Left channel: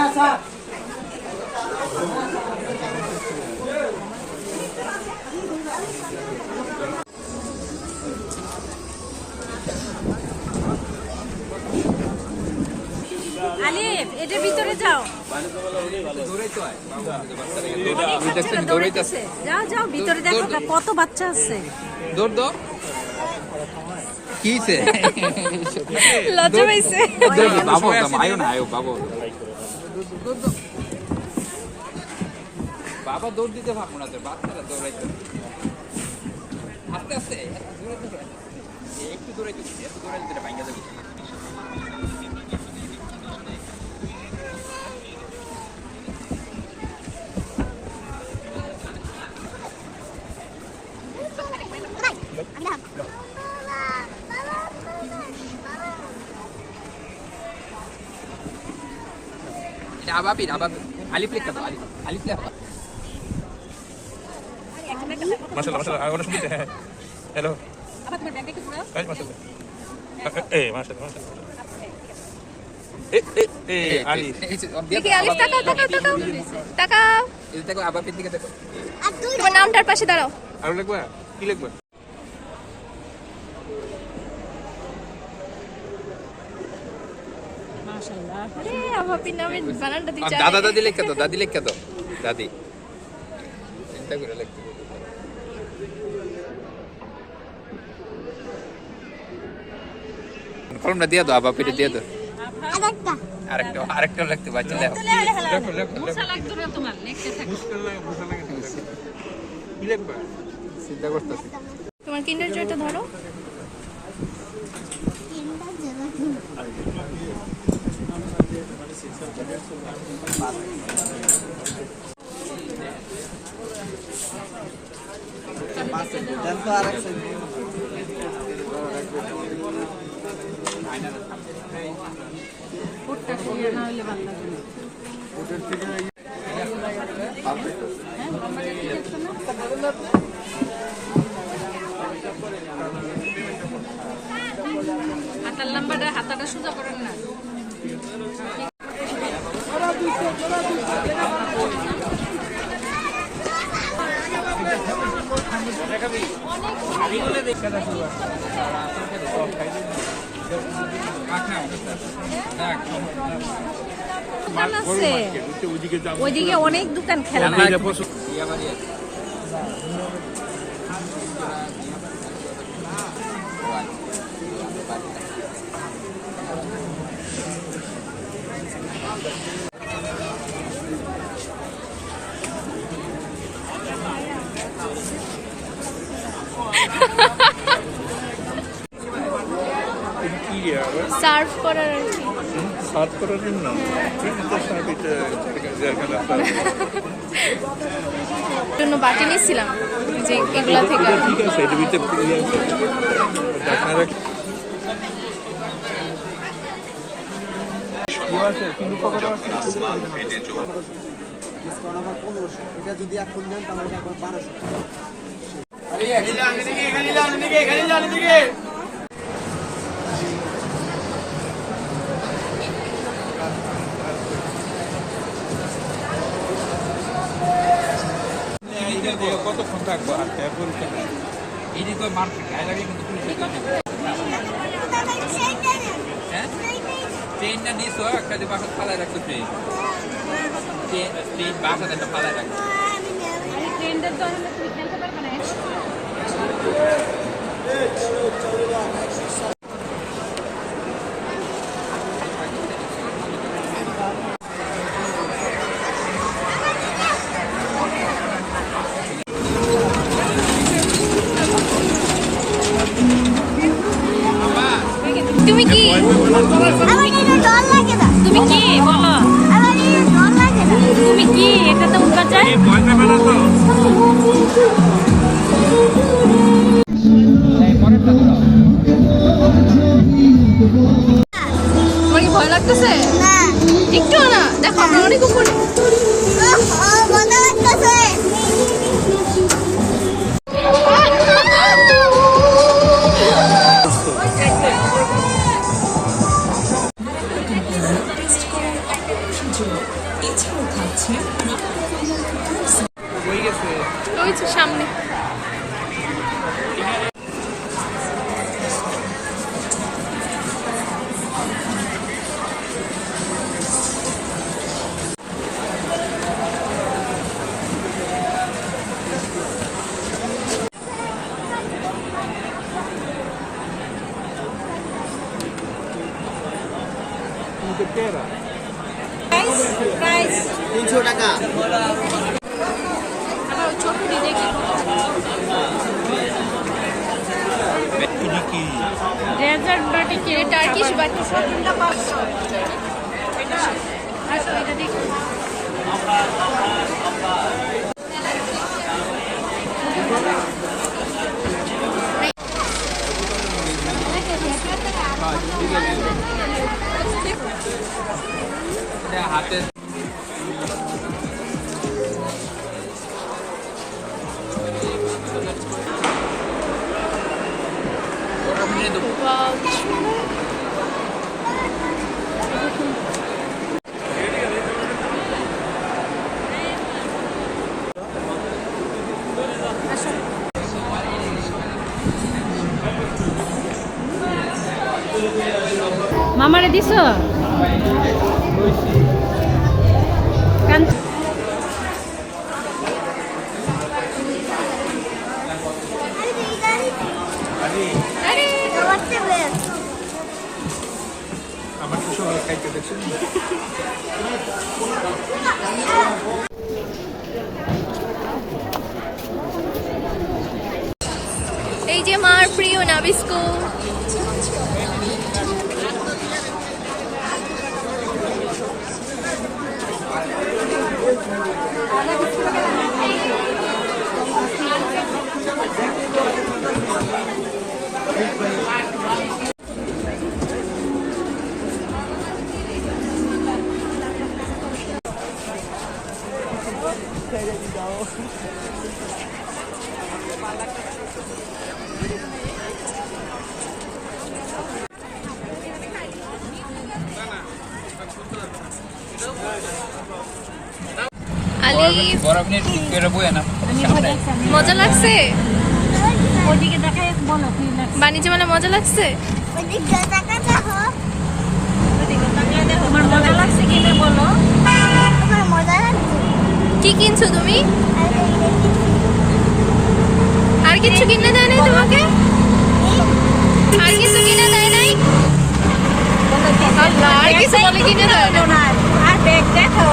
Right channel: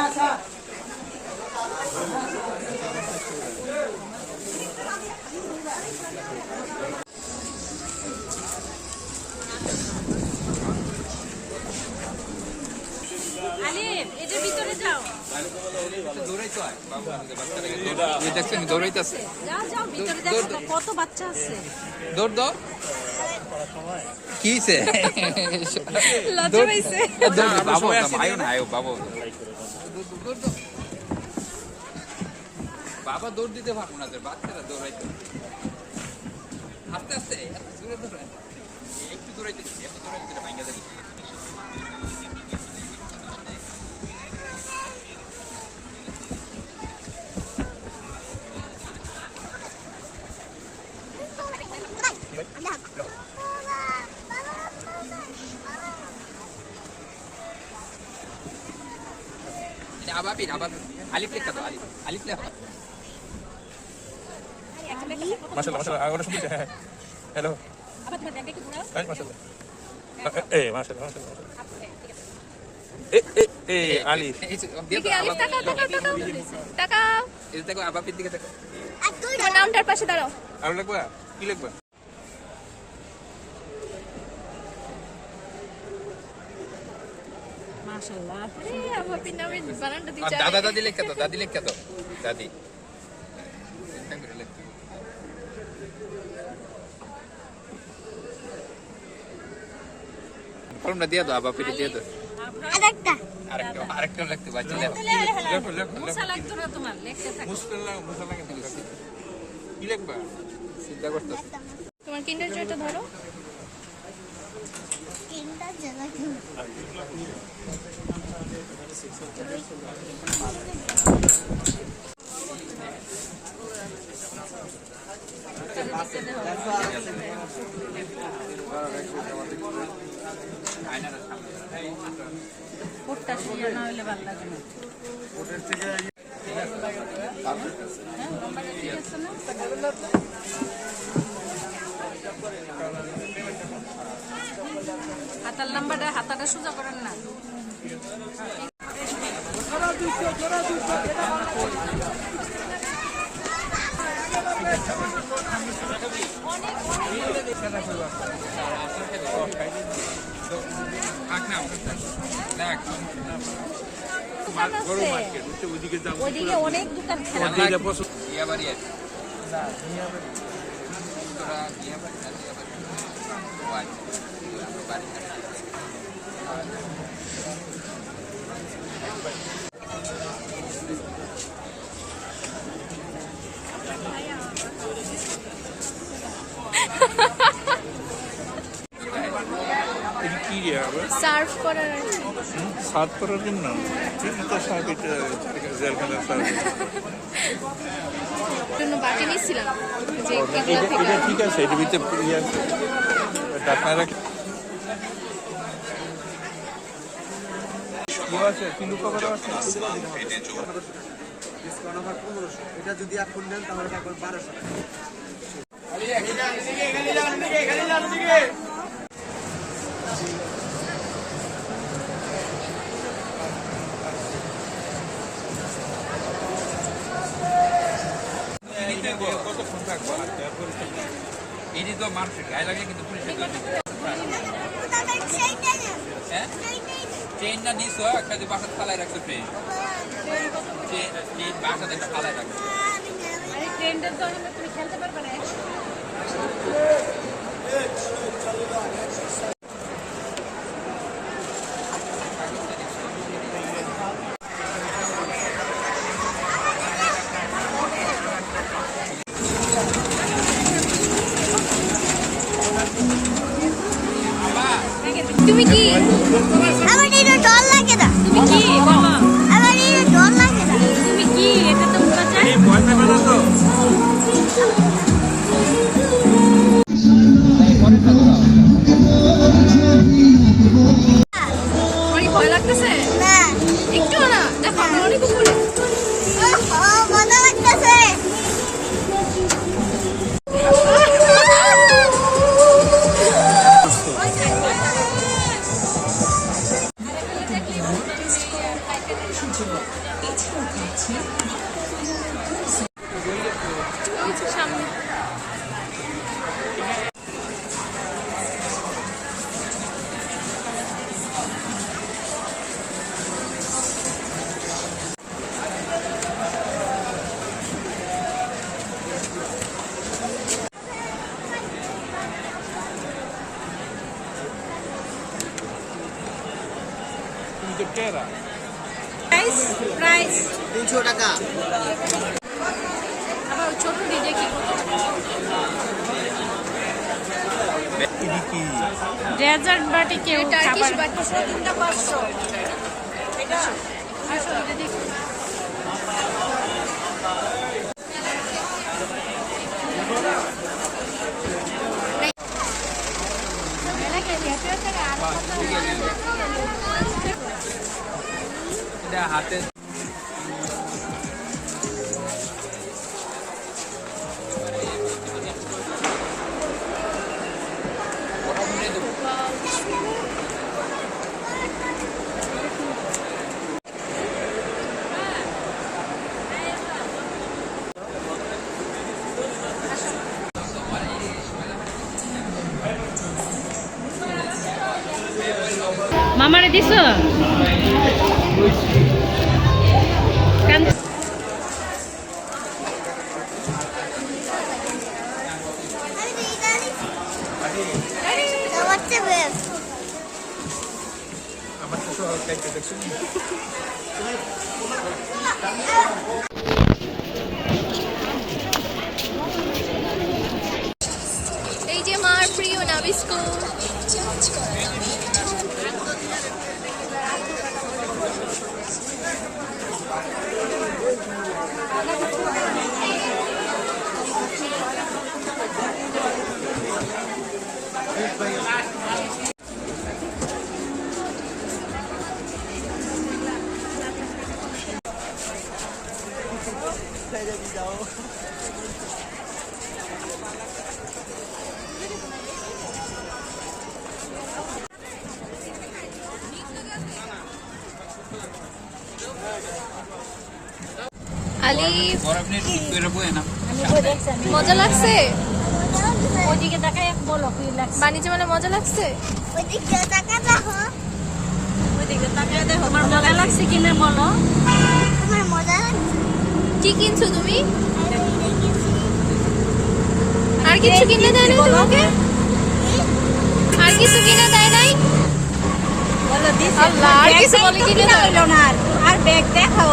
আচ্ছা আলিফ এটার ভিতরে যাও যাও যাও ভিতরে দেখো কত বাচ্চা আছে দৌড় দাও কিছে লজ্জা পাইছে বাবু আয়ো না আয়ো বাবু বাবা দৌড় দিতে পারবো না তোর বাচ্চারা দৌড়াইতে আস্তে আস্তে একটু দৌড়ে দিতে ভাঙ্গা দেবো Abapin, Alif lihat kata Alif lihat apa? Masalah, aku langsung gitu. Hello. Apa teman bag itu punya? Masalah. Masalah. Alif. Diki Alif takau. Itu takau Abapin tiga takau. তোমার নামটার পাশে দাঁড়াও আর লিখবা কি লিখবা মাশাআল্লাহ আরে আবাপিন নামের বানানটা দিতে দাদি লিখে দাও দাদি চিন্তা করে লিখতে ফর্মটা দিয়ে দাও আবাপিটা দিয়ে দাও আরেকটা লিখতে বাকি লেখো মুসা লাগতো না তোমার লিখতে থাকো কি লিখবা চিন্তা করতেছ তোমার কিন্ডার জয়টা ধরো পুটটা শুয়ে না হইলে ভালো লাগে না হাতার লম্বাটা হাতাটা সোজা করেন না ওইদিকে অনেক দোকান খেলা সার্ভ করার আর কি সার্ভ করার জন্য জন্য বাটি নিয়েছিলাম যে এগুলা থেকে ঠিক আছে এর ভিতরে আপনারা ডিসকাউন্ট আবার 1500 এটা যদি এখন নেন তাহলে একবার 1200 কতক্ষণ থাকবো এই তো মার্কেট গায়ে লাগে কিন্তু ট্রেনটা নিছো একটা বাসা ফালায় রাখতো ট্রেন বাসাতে ফালায় রাখতো ট্রেনটা তো তুমি খেলতে পারবে না তুমি কি আমার এটা ডল লাগে না তুমি কি আমার এটা ডল লাগে না ভয় পাবে না তো? তোমার কি ভয় লাগতেছে? না একটু না, দেখো আমরা অনেক উপরে। মজা লাগতেছে ওই যে সামনে। প্রাইস 300 টাকা। ছোট দিয়ে দেখি। টার্কিশ বাটি। এটা হাতে Wow, কি সুন্দর। মামারে দিছ এই যে মার প্রিয় নাবিস্কো। আলিফ, বরফ নিয়ে এটা বয়ে না মজা লাগছে? ওইদিকে দেখাই বলো কি লাগছে বাণিজ্য মেলা মজা লাগছে? ওইদিকে টাকা দেখো ওইদিকে তাকায় দেখো তোমার মজা লাগছে কিনে বলো তোমার মজা লাগছে কি কিনছো তুমি? আর আর এইটা কি? কিছু কিনে দেয় নাই তোমাকে? আর কিছু কিনে দেয় নাই? আল্লাহ, আর কিছু বলে কিনে দেয় না। আর ব্যাগ দেখো